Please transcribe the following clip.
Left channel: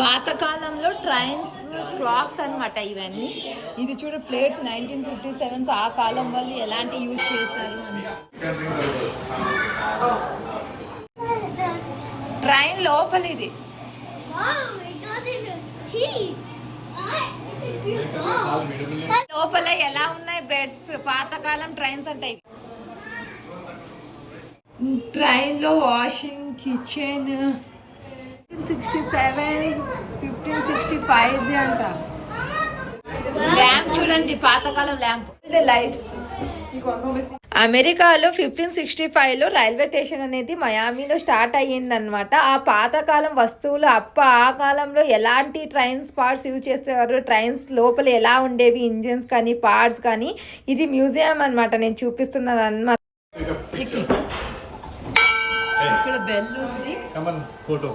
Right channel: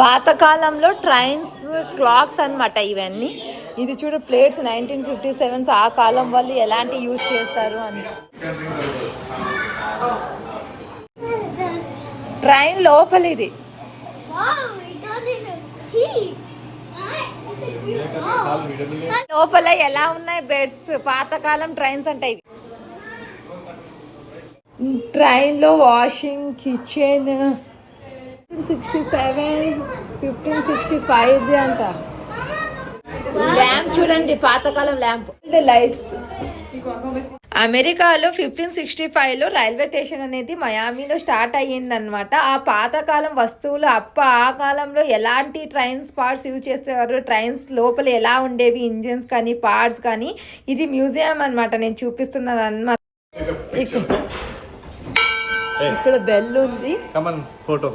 పాతకాలంలో trains clocks అన్నమాట ఇవన్నీ. ఇది చూడు ప్లేట్స్ 1957 ఆ కాలం వాళ్ళు ఎలాంటి యూజ్ చేస్తారు అని. ట్రైన్ లోపల ఇది లోపల ఎలా ఉన్నాయి బెడ్స్. పాతకాలం ట్రైన్స్ అంటే ఇవి. ట్రైన్ లో వాషింగ్ కిచెన్ 1567 1565 అంట. ల్యాంప్ చూడండి, పాతకాలం ల్యాంప్. లైట్స్. అమెరికాలో 1565లో రైల్వే స్టేషన్ అనేది మయామిలో స్టార్ట్ అయ్యిందనమాట. ఆ పాతకాలం వస్తువులు ఆ కాలంలో ఎలాంటి ట్రైన్స్ పార్ట్స్ యూజ్ చేసేవారు, ట్రైన్స్ లోపల ఎలా ఉండేవి, ఇంజిన్స్ కానీ పార్ట్స్ కానీ. ఇది మ్యూజియం అనమాట, నేను చూపిస్తున్నాను అనమాట. ఇక్కడ బెల్ ఉంది. ఫోటో